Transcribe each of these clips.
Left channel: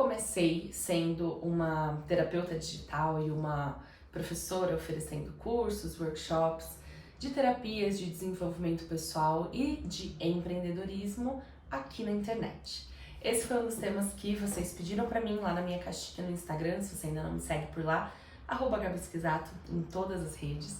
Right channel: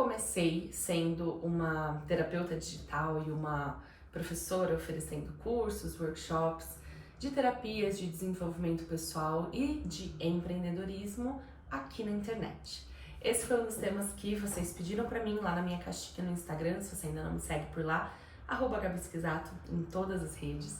comecei sendo uma terapeuta digital e uma professora oferecendo cursos, workshops de terapias de desenvolvimento pessoal e de empreendedorismo aqui na internet. Esse foi um dos temas que vocês pediram para mim lá na minha caixinha no Instagram, se você ainda não me segue por lá, @GabiSkisato em todas as redes.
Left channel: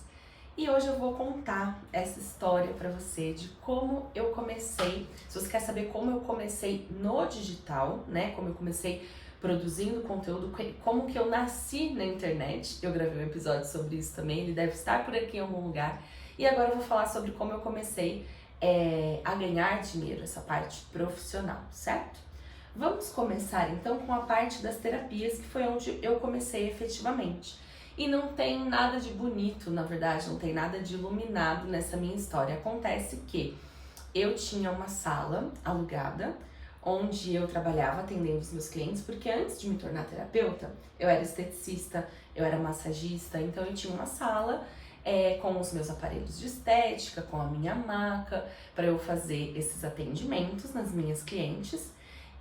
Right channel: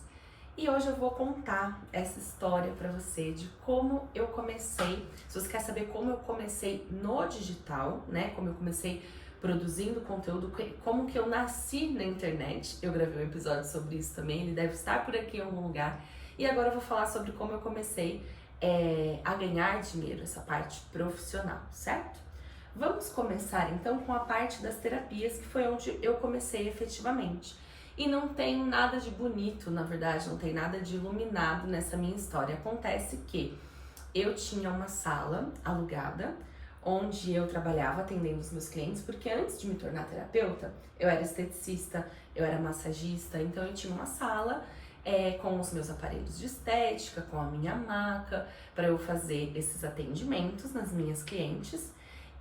E hoje eu vou contar essa história para você de como eu comecei. Se você quer saber como eu comecei no digital, né? Como eu comecei produzindo conteúdo, como que eu nasci na internet. Eu gravei um episódio sobre isso também, ele deve estar por aqui em algum lugar. E agora eu vou falar sobre como eu comecei a ganhar dinheiro, essa parte profissional, certo? Vamos começar então com a parte das terapias, que foi onde eu comecei efetivamente. E não tem nada de bonito, na verdade, não tem nada de iluminado nessa minha história. Acontece que eu tinha uma sala alugada, onde eu trabalhava atendendo os meus clientes, porque antes de me tornar terapeuta, eu era esteticista, eu era massagista, então eu tinha uma sala com os meus aparelhos de estética, com a minha maca, para eu fazer esses atendimentos nas minhas clientes.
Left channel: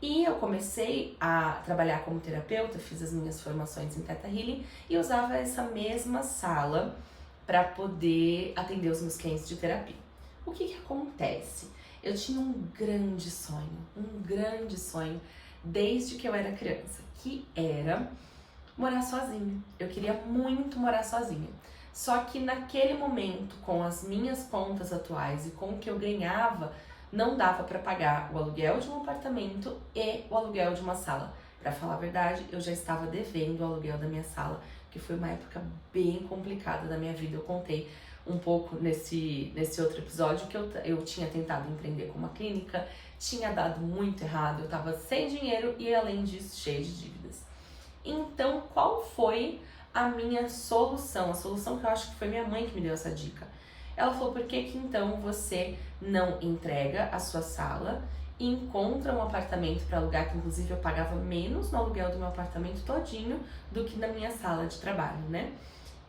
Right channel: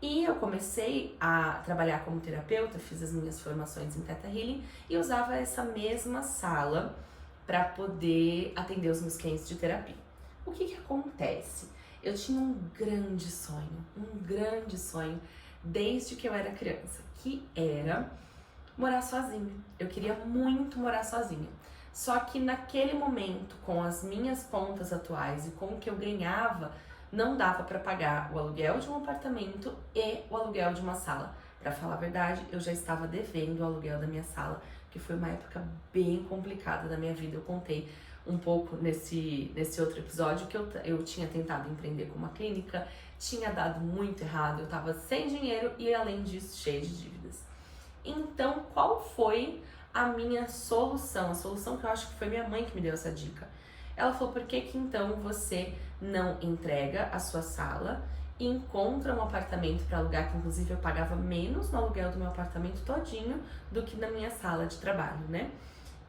E eu comecei a trabalhar como terapeuta, fiz as minhas formações em Theta Healing e usava essa mesma sala para poder atender os meus clientes de terapia. O que acontece? Eu tinha um grande sonho desde que eu era criança, que era morar sozinha. Eu queria muito morar sozinha. Só que naquele momento, com as minhas contas atuais e com o que eu ganhava, não dava para pagar o aluguel de um apartamento e o aluguel de uma sala. Para falar a verdade, eu já estava devendo o aluguel da minha sala, que foi uma época bem complicada da minha vida. Eu contei um pouco nesse outro episódio que eu tinha tentado empreender com uma clínica, tinha dado muito errado, eu estava sem dinheiro e além disso cheia de dívidas. Então, qual foi a minha solução? A solução que eu acho que foi minha mãe que me deu essa dica. Ela falou, por que então você não entrega a sua sala e encontra um apartamento para alugar, que inclusive eu pagava menos no aluguel do meu apartamento todinho do que na minha sala de trabalho, né?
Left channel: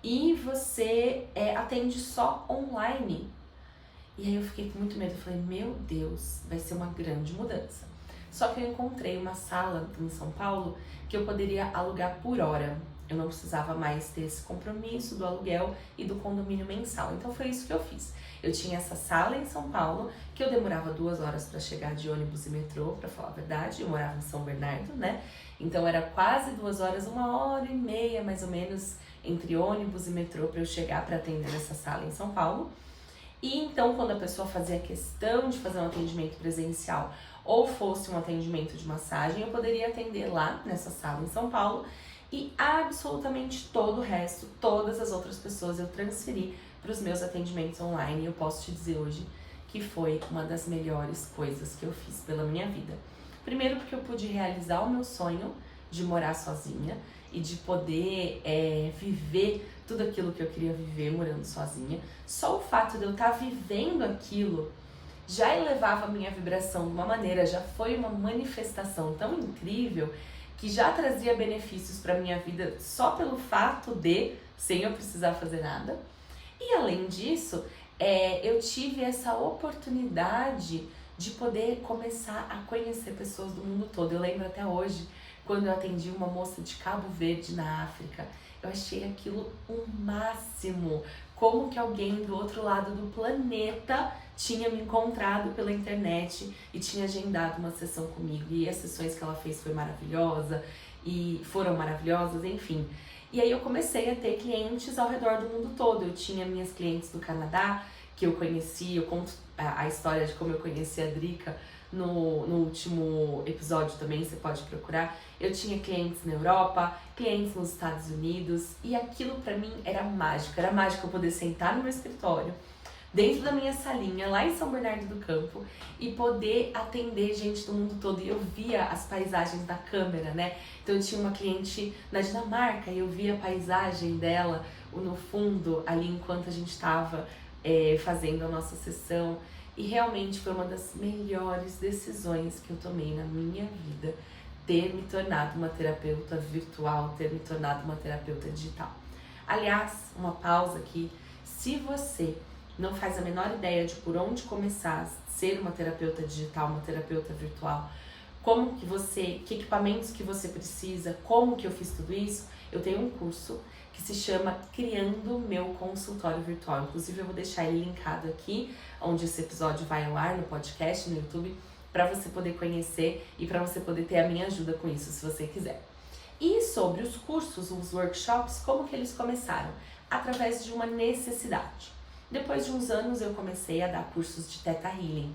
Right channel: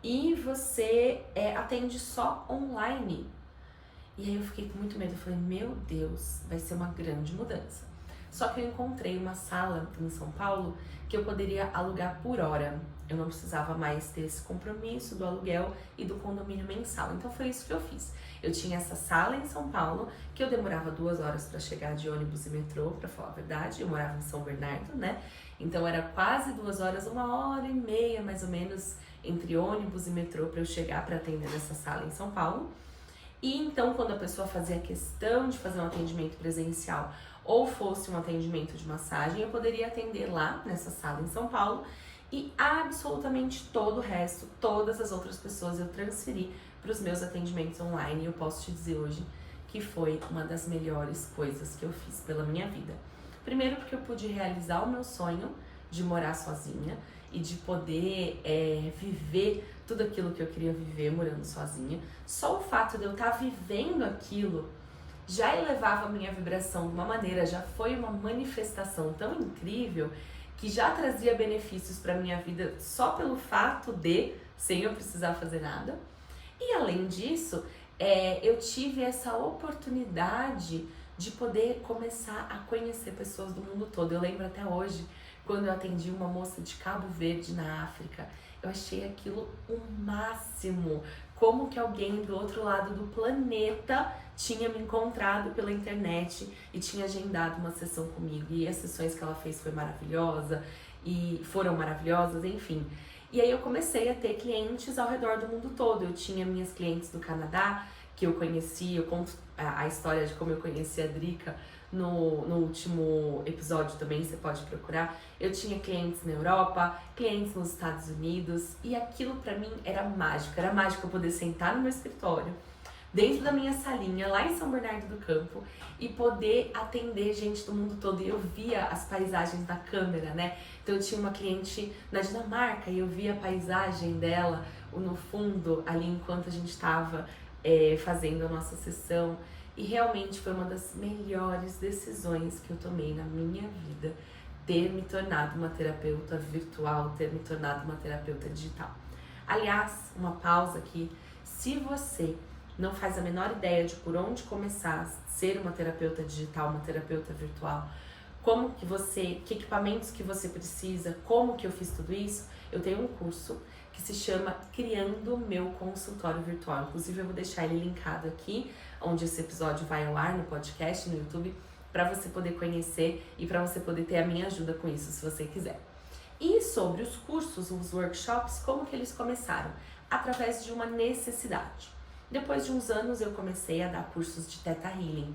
E você atende só online. E aí eu fiquei com muito medo, eu falei, meu Deus, vai ser uma grande mudança. Só que eu encontrei uma sala em São Paulo que eu poderia alugar por hora. Eu não precisava mais ter esse compromisso do aluguel e do condomínio mensal. Então foi isso que eu fiz. Eu tinha essa sala em São Paulo, que eu demorava 2 horas para chegar de ônibus e metrô, para falar a verdade. Eu morava em São Bernardo, né? Então era quase 2 horas, 1h30 mais ou menos, entre ônibus e metrô para eu chegar para atender nessa sala em São Paulo. E então, quando a pessoa fazia questão de fazer um atendimento presencial ou fosse um atendimento de massagem, eu poderia atender lá nessa sala em São Paulo e absolutamente todo o resto, todas as outras pessoas eu transferi para os meus atendimentos online. E eu posso te dizer hoje que foi uma das melhores coisas que eu fiz pela minha vida. Primeiro porque eu pude realizar o meu sonho de morar sozinha e de poder viver tudo aquilo que eu queria viver morando sozinha. Só o fato de eu estar vivendo aquilo já elevava a minha vibração de uma maneira, já foi uma manifestação tão incrível que já trazia benefícios para minha vida só pelo fato de, sem eu precisar fazer nada. E além disso, eu tive essa oportunidade de poder começar a conhecer pessoas do mundo todo. Eu lembro até hoje, quando eu atendi uma moça de Cabo Verde, na África, eu achei aquilo o máximo. Como que alguém do outro lado do planeta tinha me encontrado pela internet e tinha agendado uma sessão comigo. E as sessões que ela fez foram maravilhosas, enfim. E aí eu comecei a ter clientes ao redor do mundo todo. Eu tinha minhas clientes do Canadá, que eu conheci, eu conto a história de como eu conheci a Drica no último episódio também, você pode procurar. Eu tinha clientes na Europa, clientes nos Estados Unidos, e aquilo pra mim era mágico eu poder sentar no meu escritório, dentro da minha salinha, lá em São Bernardo do Campo, e poder atender gente do mundo todo. E eu via as paisagens da câmera, né? Então eu tinha uma cliente na Dinamarca e eu via a paisagem dela no fundo, ali enquanto a gente estava fazendo a nossa sessão. E realmente foi uma das melhores decisões que eu tomei na minha vida, ter me tornado uma terapeuta virtual, ter me tornado uma terapeuta digital. Aliás, uma pausa aqui, se você não faz a menor ideia de por onde começar a ser uma terapeuta digital, uma terapeuta virtual, que equipamentos que você precisa, como que eu fiz tudo isso, eu tenho um curso que se chama Criando Meu Consultório Virtual. Inclusive eu vou deixar ele linkado aqui, onde esse episódio vai ao ar, no podcast, no YouTube, para você poder conhecer e para você poder ter a minha ajuda com isso, se você quiser. E sobre os cursos, os workshops, como que eles começaram? Através de uma necessidade. Depois de uns anos eu comecei a dar cursos de Theta Healing.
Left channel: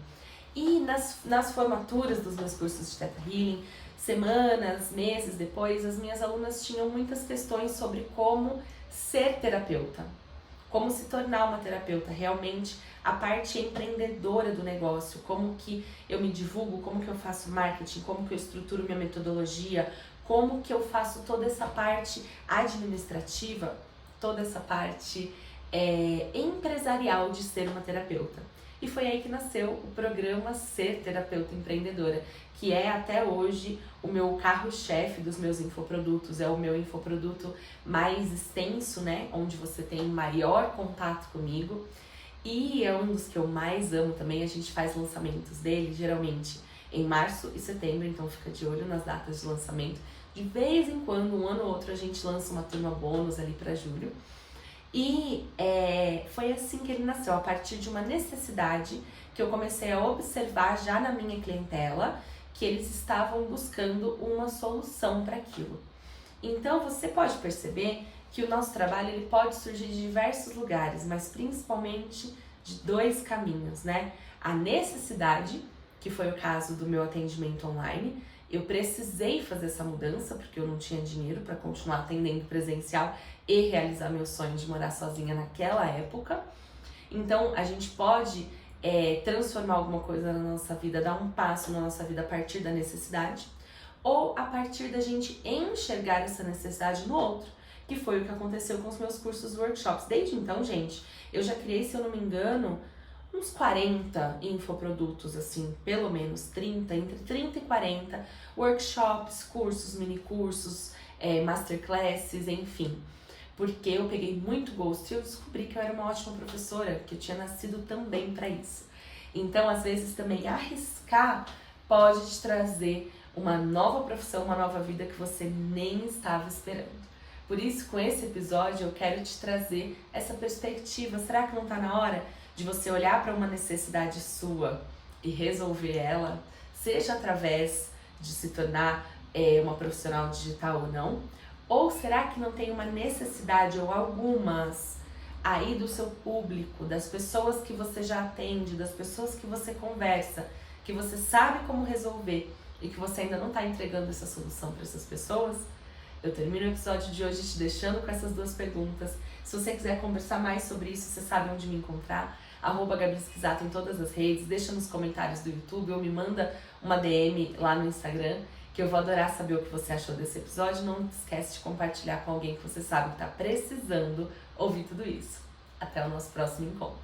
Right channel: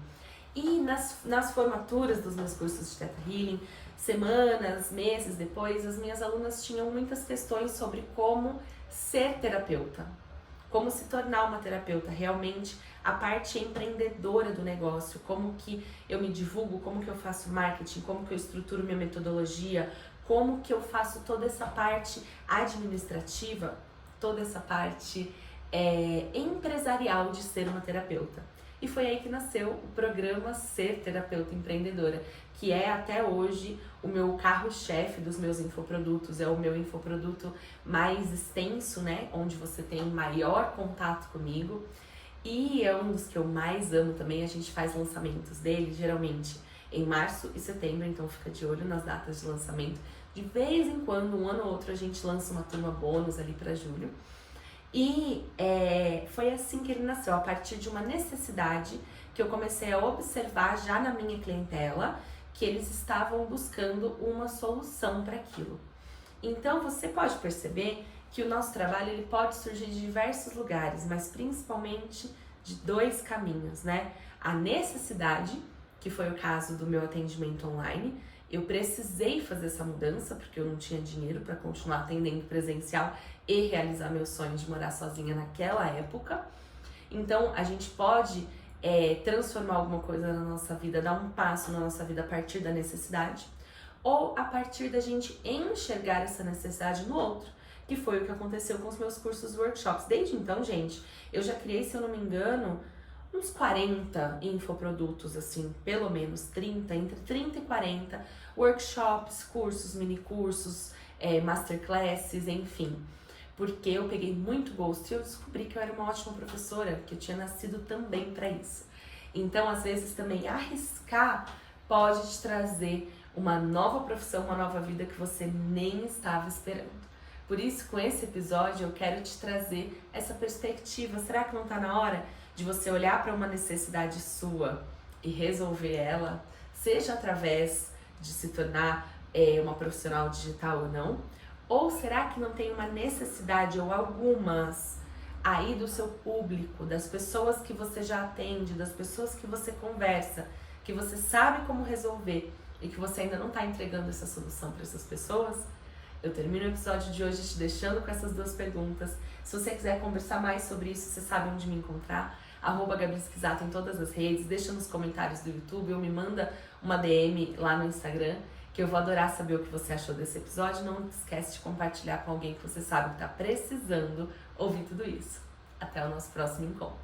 E nas formaturas dos meus cursos de Theta Healing, semanas, meses depois, as minhas alunas tinham muitas questões sobre como ser terapeuta, como se tornar uma terapeuta, realmente a parte empreendedora do negócio, como que eu me divulgo, como que eu faço marketing, como que eu estruturo minha metodologia, como que eu faço toda essa parte administrativa, toda essa parte empresarial de ser uma terapeuta. E foi aí que nasceu o programa Ser Terapeuta Empreendedora, que é até hoje o meu carro-chefe dos meus infoprodutos, é o meu infoproduto mais extenso, né? Onde você tem maior contato comigo. E é um dos que eu mais amo também, a gente faz lançamentos dele, geralmente em março e setembro, então fica de olho nas datas de lançamento. De vez em quando, um ano ou outro, a gente lança uma turma bônus ali para julho. E foi assim que ele nasceu, a partir de uma necessidade que eu comecei a observar já na minha clientela, que eles estavam buscando uma solução para aquilo. Então você pode perceber que o nosso trabalho ele pode surgir de diversos lugares, mas principalmente de dois caminhos, né? A necessidade, que foi o caso do meu atendimento online. Eu precisei fazer essa mudança porque eu não tinha dinheiro para continuar atendendo presencial e realizar meu sonho de morar sozinha naquela época. Então a gente pode transformar alguma coisa na nossa vida, dar um passo na nossa vida a partir da necessidade, ou a partir da gente enxergar essa necessidade no outro, que foi o que aconteceu com os meus cursos workshops. Desde então, gente, eu já criei, se eu não me engano, uns 40 infoprodutos, assim, pelo menos 30, entre 30 e 40, workshops, cursos, mini cursos, masterclasses, enfim. Porque eu peguei muito gosto e eu descobri que eu era uma ótima professora, que eu tinha nascido também para isso. Então, às vezes, também arriscar pode te trazer uma nova profissão, uma nova vida que você nem estava esperando. Por isso, com esse episódio, eu quero te trazer essa perspectiva. Será que não está na hora de você olhar para uma necessidade sua e resolver ela, seja através de se tornar uma profissional digital ou não? Ou será que não tem uma necessidade ou algumas aí do seu público, das pessoas que você já atende, das pessoas que você conversa, que você sabe como resolver e que você ainda não está entregando essa solução para essas pessoas? Eu termino o episódio de hoje te deixando com essas duas perguntas. Se você quiser conversar mais sobre isso, você sabe onde me encontrar. @Gabi Esquisato em todas as redes. Deixa nos comentários do YouTube ou me manda uma DM lá no Instagram, que eu vou adorar saber o que você achou desse episódio. Não esquece de compartilhar com alguém que você sabe que está precisando ouvir tudo isso. Até o nosso próximo encontro.